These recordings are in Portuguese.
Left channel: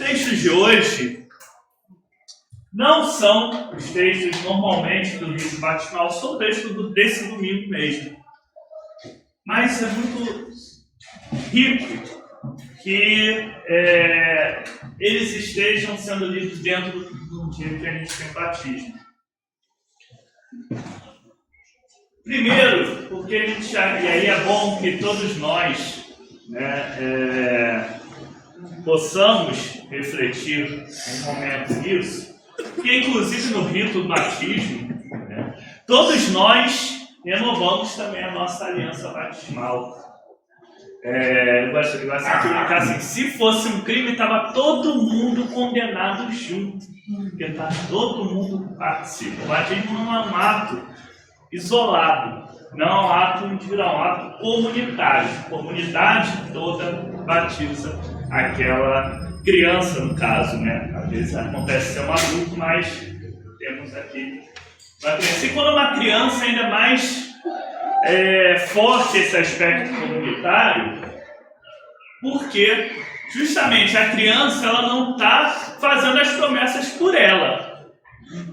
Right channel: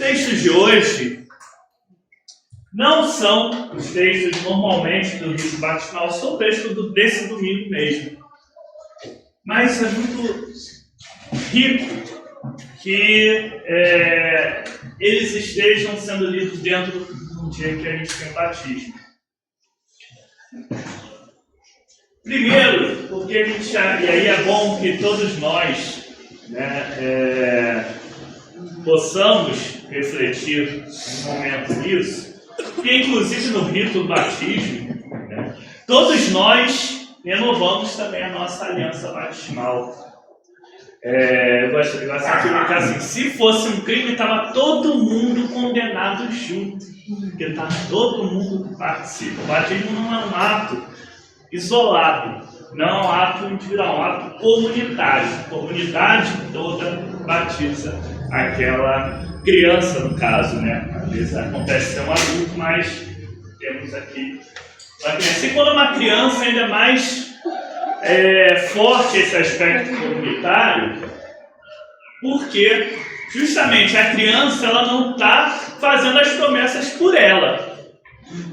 textos de hoje não são os textos normalmente do rito batismal, são textos desse domingo mesmo. Mas é muito rico que eles estejam sendo lidos dentro do dia que a gente tem o batismo. Primeiro, porque a gente, e aí é bom que todos nós, né, possamos refletir um momento nisso, que inclusive no rito do batismo, né, todos nós renovamos também a nossa aliança batismal. Eu gosto de brincar assim, se fosse um crime, estava todo mundo condenado junto, porque está todo mundo que participa. O batismo não é um ato isolado, não é um ato individual, é um ato comunitário. A comunidade toda batiza aquela criança, no caso, né? Às vezes acontece ser um adulto, mas temos aqui uma criança. E quando uma criança ainda mais forte esse aspecto comunitário, porque justamente a criança ela não está fazendo as promessas por ela.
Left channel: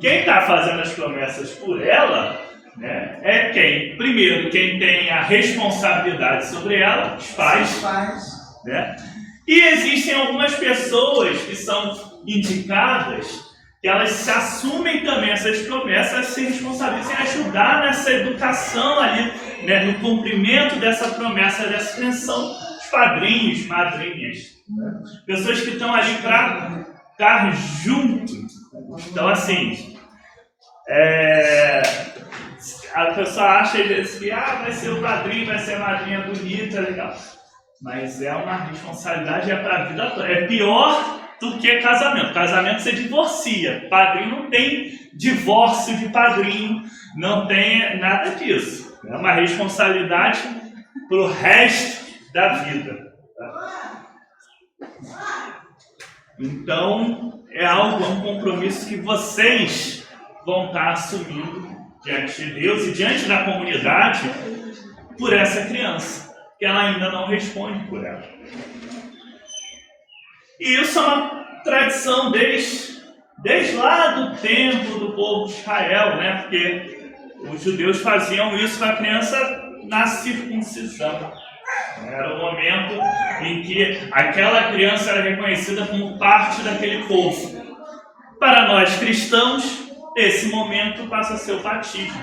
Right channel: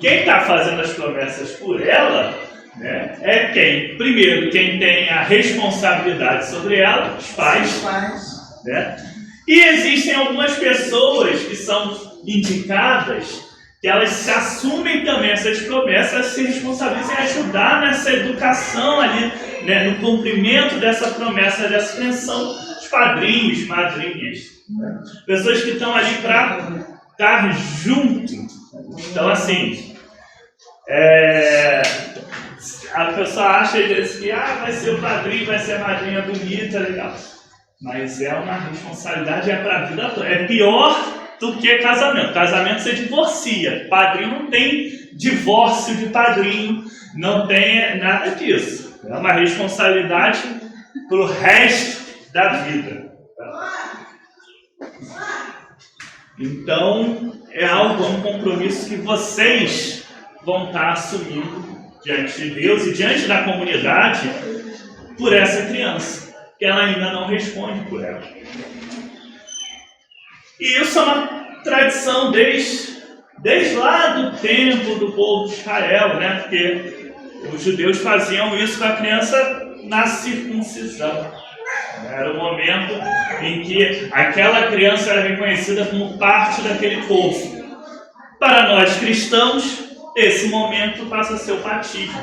Quem está fazendo as promessas por ela, né, é quem? Primeiro, quem tem a responsabilidade sobre ela, os pais. Né? E existem algumas pessoas que são indicadas que elas se assumem também essas promessas, se responsabilizam em ajudar nessa educação ali, né, no cumprimento dessa promessa, dessa criação, os padrinhos, madrinhas, né? Pessoas que estão ali para estar junto. Então, assim, a pessoa acha às vezes que vai ser o padrinho, vai ser a madrinha bonita, legal. Mas é uma responsabilidade, é para a vida toda. É pior do que casamento. Casamento você divorcia. Padrinho não tem divórcio de padrinho, não tem nada disso. É uma responsabilidade para o resto da vida. Então, é um compromisso que vocês vão estar assumindo diante de Deus e diante da comunidade por essa criança, que ela ainda não responde por ela. E isso é uma tradição desde lá do tempo do povo de Israel, né? Porque os judeus faziam isso com a criança na circuncisão. Era o momento em que aquela criança era reconhecida como parte daquele povo. Para nós cristãos, esse momento passa a ser o batismo.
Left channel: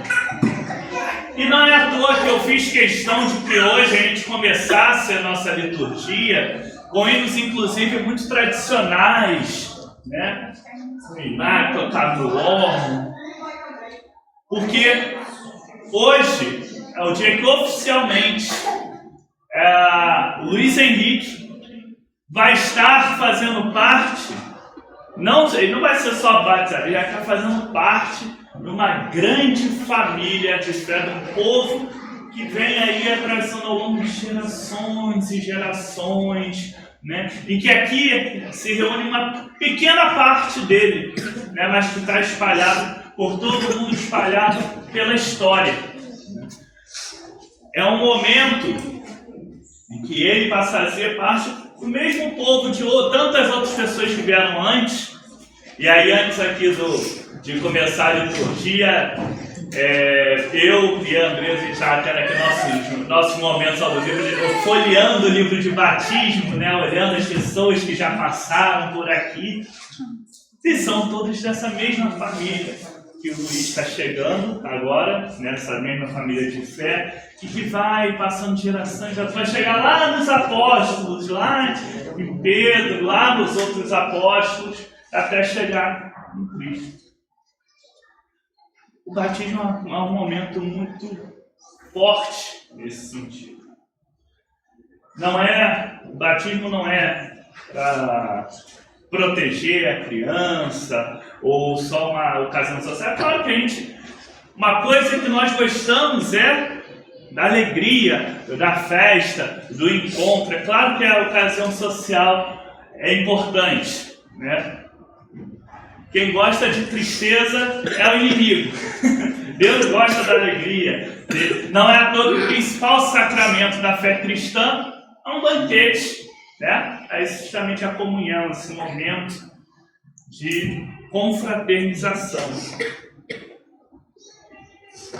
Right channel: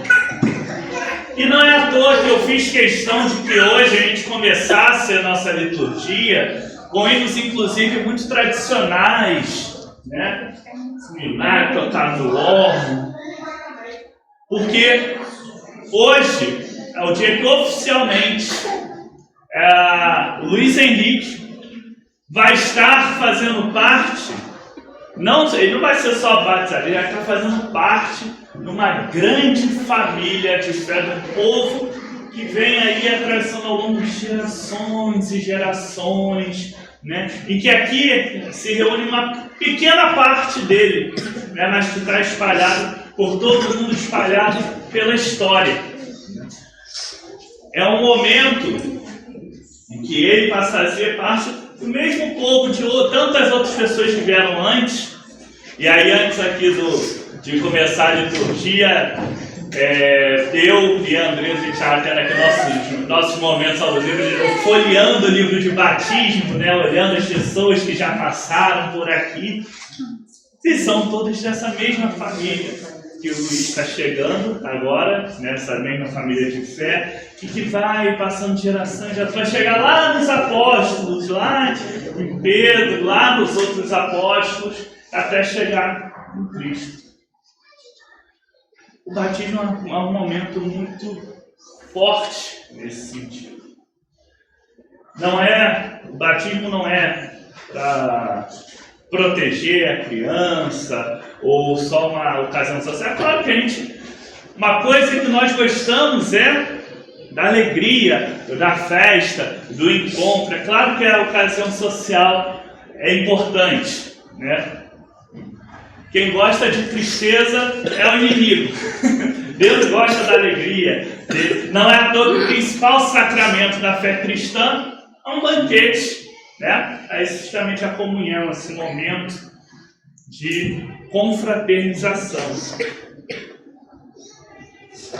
E não é à toa que eu fiz questão de que hoje a gente começasse a nossa liturgia com hinos, inclusive, muito tradicionais, né? Funinar, tocar no órgão. Porque hoje é o dia que oficialmente Luiz Henrique vai estar fazendo parte, ele não vai ser só batizado, ele vai estar fazendo parte de uma grande família de fé do povo que vem aí atravessando ao longo de gerações e gerações, né? Em que aqui se reúne uma pequena parte dele, né? Mas que está espalhado por todo mundo, espalhado pela história. É um momento em que ele passa a fazer parte do mesmo povo de tantas outras pessoas que vieram antes. E aí, antes aqui de começar a liturgia, eu e a Andresa e o Thiago tendo aqui nossos momentos ao livro, folheando o livro de batismo, né, olhando as pessoas que já passaram por aqui. E são todos dessa mesma família que o Luiz está chegando agora, nessa mesma família de fé, e que vai passando de geração em geração, vai chegar lá nos apóstolos, lá em Pedro, lá nos outros apóstolos, até chegar em Cristo. O batismo é um momento muito forte nesse sentido. O batismo não é para proteger a criança ou só uma ocasião social. É claro que uma coisa que nós gostamos é da alegria, da festa, do encontro. É claro que a ocasião social é importante, né? Quem gosta de tristeza é o inimigo. Deus gosta da alegria. Não é à toa que o principal sacramento da fé cristã é um banquete. né? É justamente a comunhão, esse momento de confraternização.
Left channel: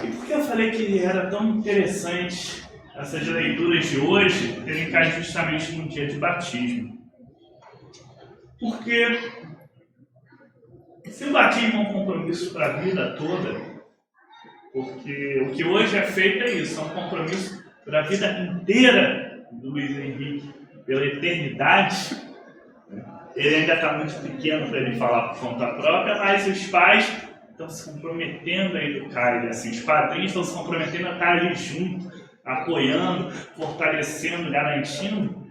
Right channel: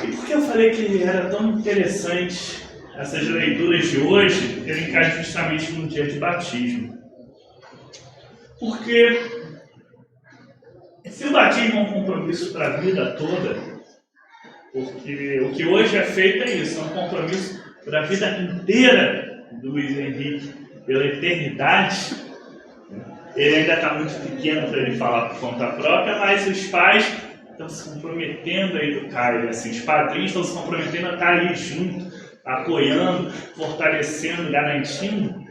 E por que eu falei que era tão interessante essas leituras de hoje terem caído justamente no dia de batismo? Porque se o batismo é um compromisso para a vida toda, porque o que hoje é feito é isso, é um compromisso para a vida inteira do Luiz Henrique, pela eternidade. Ele ainda está muito pequeno para ele falar por conta própria, mas os pais estão se comprometendo a educar ele, assim, os padrinhos estão se comprometendo a estar ali junto, apoiando, fortalecendo, garantindo.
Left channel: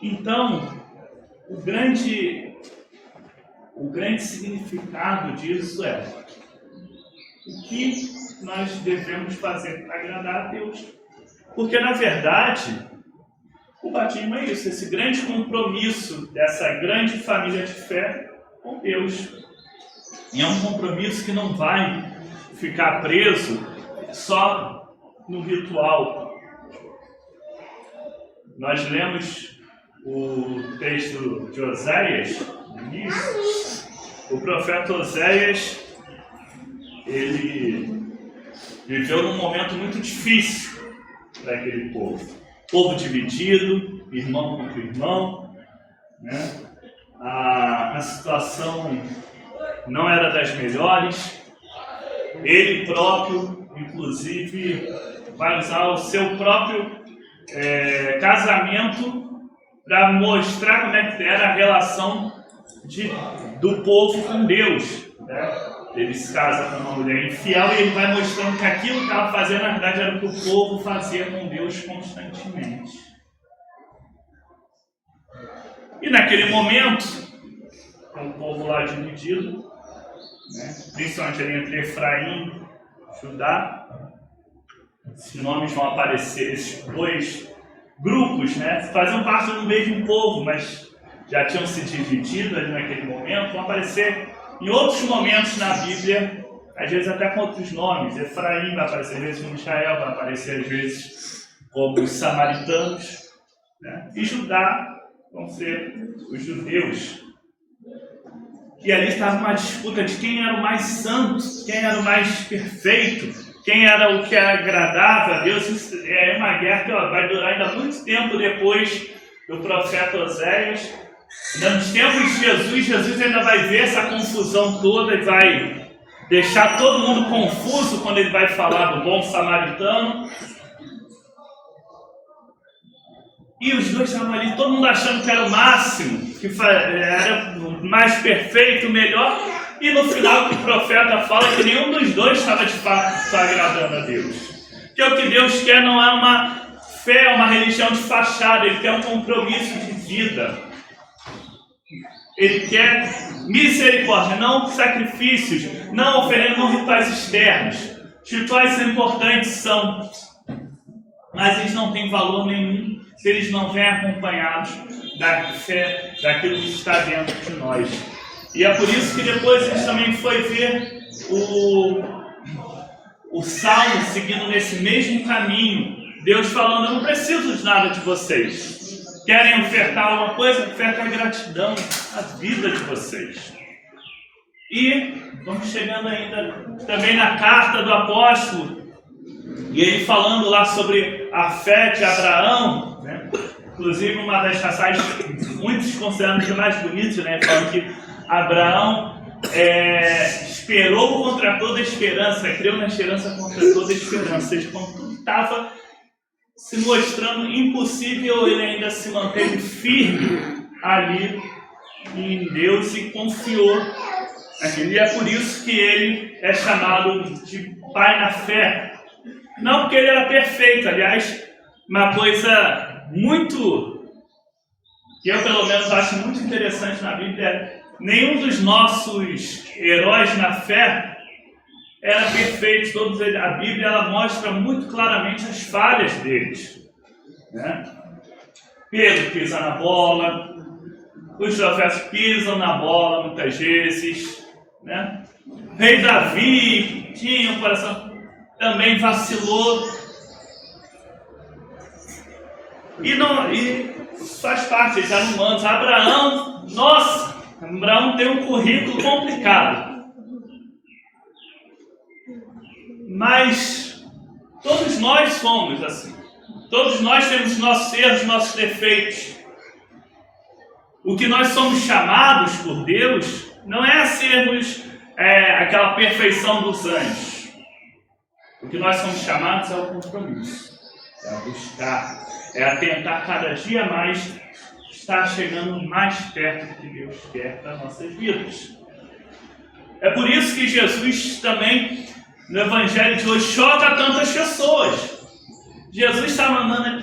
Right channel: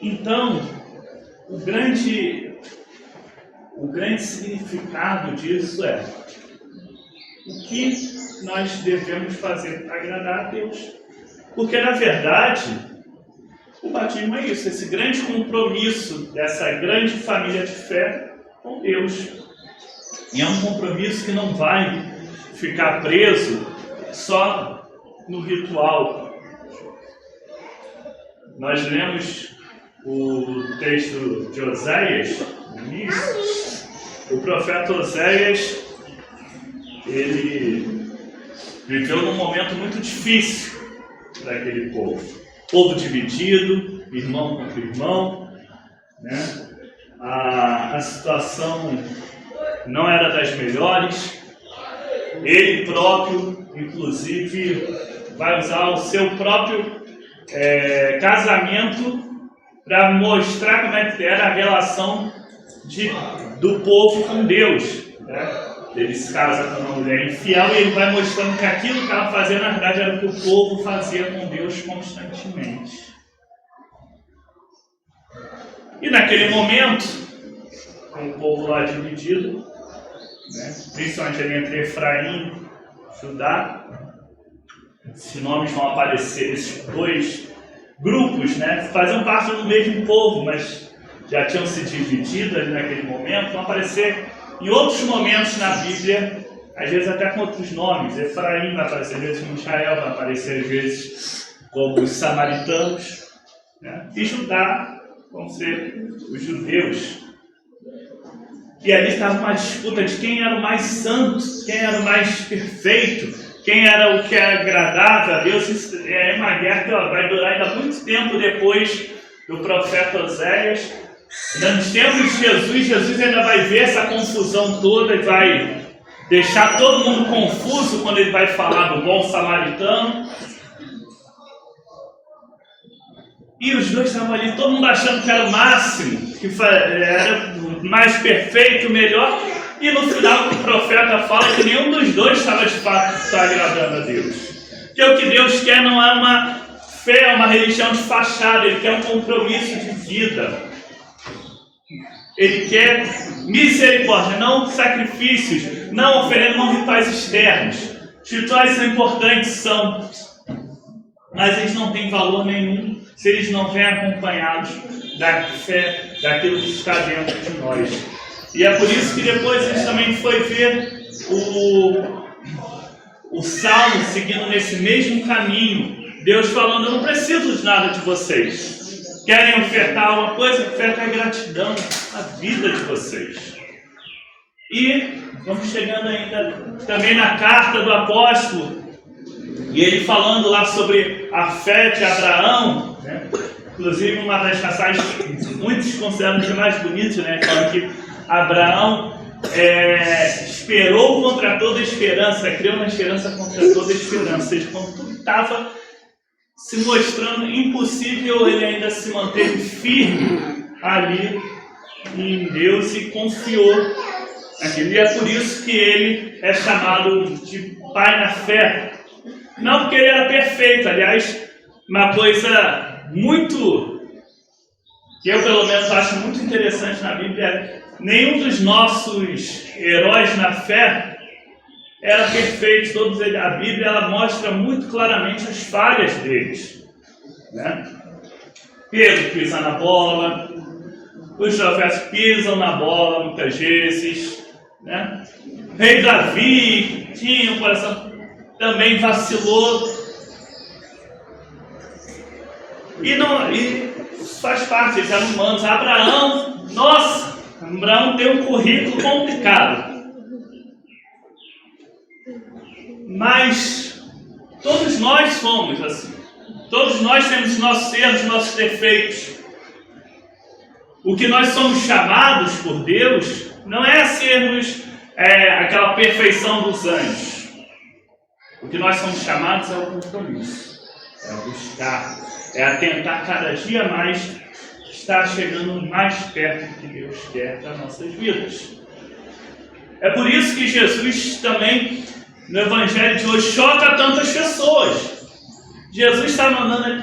Então, o grande significado disso é o que nós devemos fazer para agradar a Deus. Porque, na verdade, o batismo é isso, esse grande compromisso dessa grande família de fé com Deus. E é um compromisso que não vai ficar preso só no ritual. Nós lemos o texto de Oséias, no início. O profeta Oséias, ele viveu num momento muito difícil para aquele povo. Povo dividido, irmão contra irmão, né? A situação não era das melhores. Ele próprio, inclusive, vai usar o seu próprio casamento para mostrar como é que era a relação do povo com Deus, né? Ele se casa com uma mulher infiel e ele vai mostrando que aquilo que estava fazendo, na verdade, era o que o povo fazia com Deus constantemente. E naquele momento, com o povo lá dividido, né, principalmente ali entre Efraim e Judá, esses nomes vão aparecer, esses dois grupos, né, faziam parte do mesmo povo, mas já tinham se dividido ali naquele momento, vão aparecer em outros momentos na Bíblia, às vezes até com outros nomes. Efraim vai aparecer, às vezes, como Israel, vai aparecer, às vezes, como os samaritanos, né? E Judá vão ser os judeus. E ali estava uma disputa de quem era o mais santo, quem era o mais perfeito, quem era o que agradava a Deus. Isso é uma guerra que vai durar ainda muito tempo depois do profeta Oséias. Nos tempos de Jesus ainda vai ver essa confusão toda e vai deixar todo mundo confuso quando ele vai falar do bom samaritano. E os dois estavam ali, todo mundo achando que era o máximo, que era o mais perfeito, o melhor. E no final o profeta fala que nenhum dos dois estava de fato agradando a Deus. Que o que Deus quer não é uma fé, uma religião de fachada, Ele quer um compromisso de vida. Ele quer misericórdia, não sacrifícios, não oferendas, não rituais externos. Os rituais são importantes, mas eles não têm valor nenhum se eles não vêm acompanhados da fé, daquilo que está dentro de nós. E é por isso que depois a gente também foi ver o Salmo seguindo nesse mesmo caminho. Deus falando, eu não preciso de nada de vocês. Querem ofertar alguma coisa? Oferta a gratidão, a vida de vocês. E vamos chegando ainda também na carta do apóstolo, e ele falando lá sobre a fé de Abraão, né? Inclusive uma das passagens que muitos consideram de mais bonitas, né? Falando que Abraão esperou contra toda esperança, creu na esperança contra toda esperança. Ou seja, quando tudo estava se mostrando impossível, ele ainda se manteve firme ali em Deus e confiou naquilo. E é por isso que ele é chamado de pai na fé. Não porque ele era perfeito, aliás, uma coisa muito, que eu pelo menos acho muito interessante na Bíblia, nenhum dos nossos heróis na fé era perfeito. Todos eles, a Bíblia ela mostra muito claramente as falhas deles, né? Pedro pisa na bola, os profetas pisam na bola muitas vezes, né? Rei Davi tinha um coração, também vacilou. E faz parte, eles eram humanos. Abraão tem um currículo complicado. Mas todos nós somos assim. Todos nós temos nossos erros, nossos defeitos. O que nós somos chamados por Deus não é a sermos aquela perfeição dos anjos. O que nós somos chamados é o compromisso, é a buscar, é a tentar cada dia mais estar chegando mais perto do que Deus quer para nossas vidas. É por isso que Jesus também, no Evangelho de hoje, choca tantas pessoas. Jesus está mandando...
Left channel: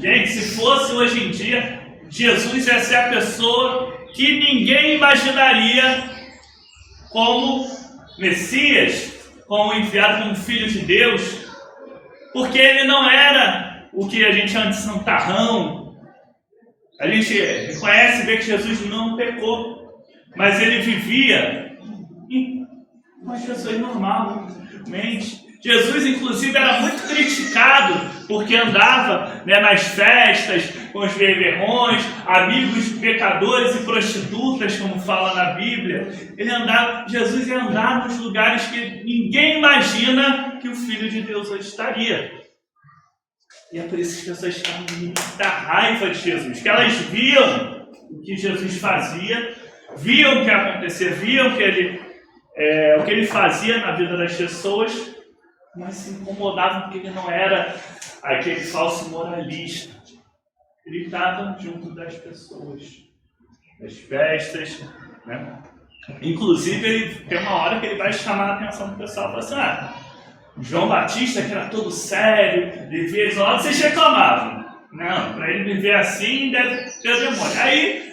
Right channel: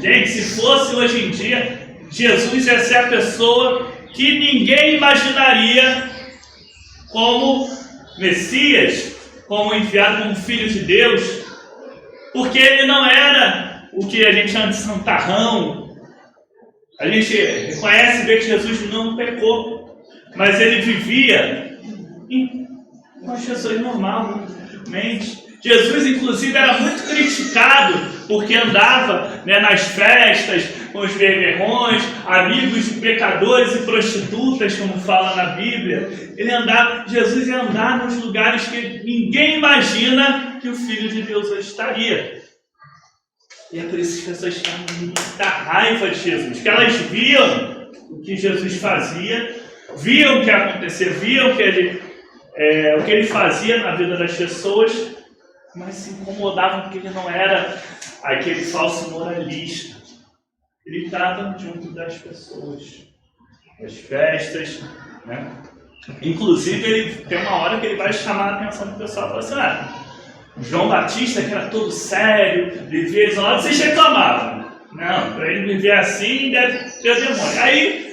Gente, se fosse hoje em dia, Jesus ia ser a pessoa que ninguém imaginaria como Messias, como enviado como Filho de Deus, porque ele não era o que a gente chama de santarrão. A gente reconhece e vê que Jesus não pecou, mas ele vivia com as pessoas normalmente. Jesus, inclusive, era muito criticado porque andava nas festas com os beberrões, amigos de pecadores e prostitutas, como fala na Bíblia. Jesus ia andar nos lugares que ninguém imagina que o Filho de Deus hoje estaria. E é por isso que as pessoas tinham muita raiva de Jesus, que elas viam o que Jesus fazia, viam o que acontecia, viam o que ele fazia na vida das pessoas, mas se incomodavam porque ele não era aquele falso moralista. Ele estava junto das pessoas, das festas, né? Inclusive, ele tem uma hora que ele vai chamar a atenção do pessoal e fala assim: João Batista, que era todo sério, vivia isolado, vocês reclamavam. Não, para ele viver assim, deve ter demônio. Aí,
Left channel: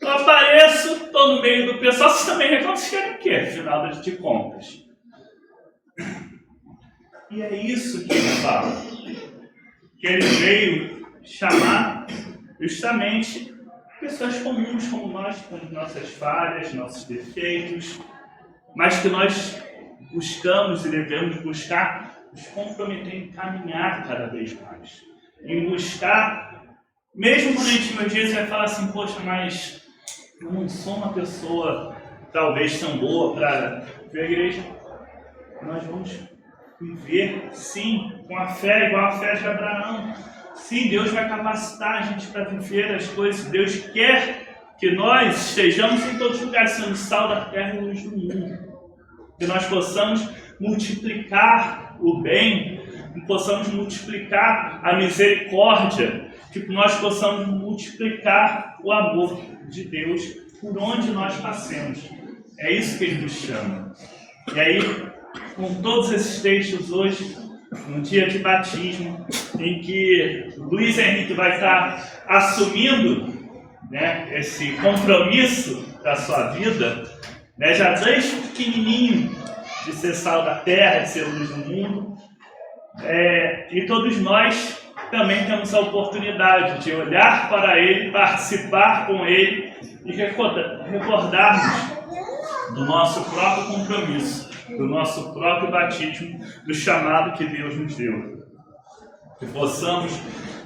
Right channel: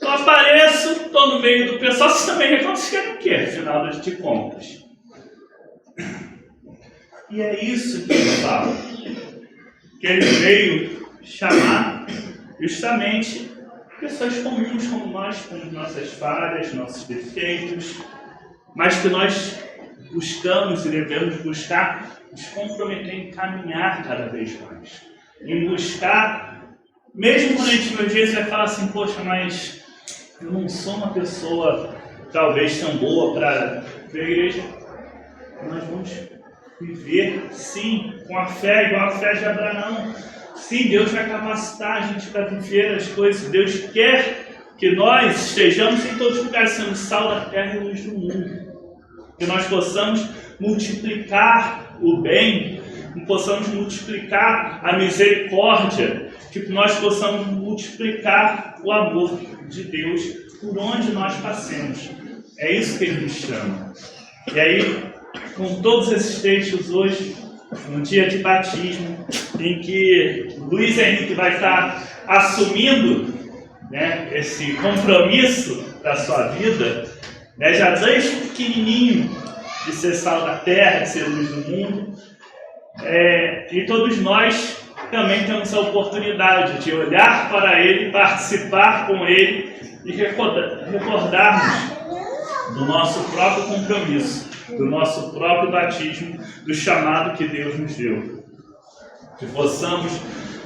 eu apareço, estou no meio do pessoal, vocês também reclamam, vocês querem o quê, afinal de contas? E é isso que ele fala, que ele veio chamar justamente pessoas comuns como nós, com nossas falhas, nossos defeitos, mas que nós buscamos e devemos buscar nos comprometer em caminhar cada vez mais, em buscar, mesmo quando a gente às vezes vai falar assim: poxa, mas eu não sou uma pessoa talvez tão boa para ver a igreja. Nós vamos viver, sim, com a fé, igual a fé de Abraão. Sim, Deus vai capacitar a gente para viver as coisas. Deus quer que nós estejamos em todos os lugares, sendo sal da terra e luz do mundo. Que nós possamos multiplicar o bem, que possamos multiplicar a misericórdia, que nós possamos multiplicar o amor de Deus por onde nós passemos. É isso que Ele nos chama. E aí, com todos esses textos hoje, no dia de batismo, em que Luiz Henrique vai estar assumindo, esse compromisso da sua vida, já desde pequenininho, de ser sal da terra, de ser luz do mundo, e todos nós também temos a oportunidade de olhar para Ele, participar com Ele e recordarmos do nosso próprio compromisso, do nosso próprio batismo, do chamado que Deus nos deu. Que possamos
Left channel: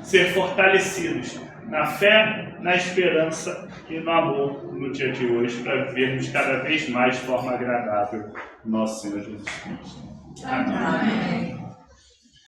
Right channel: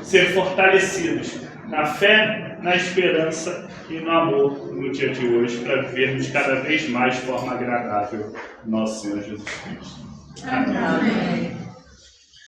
ser fortalecidos na fé, na esperança e no amor no dia de hoje, para vivermos cada vez mais de forma agradável nosso Senhor Jesus Cristo. Amém.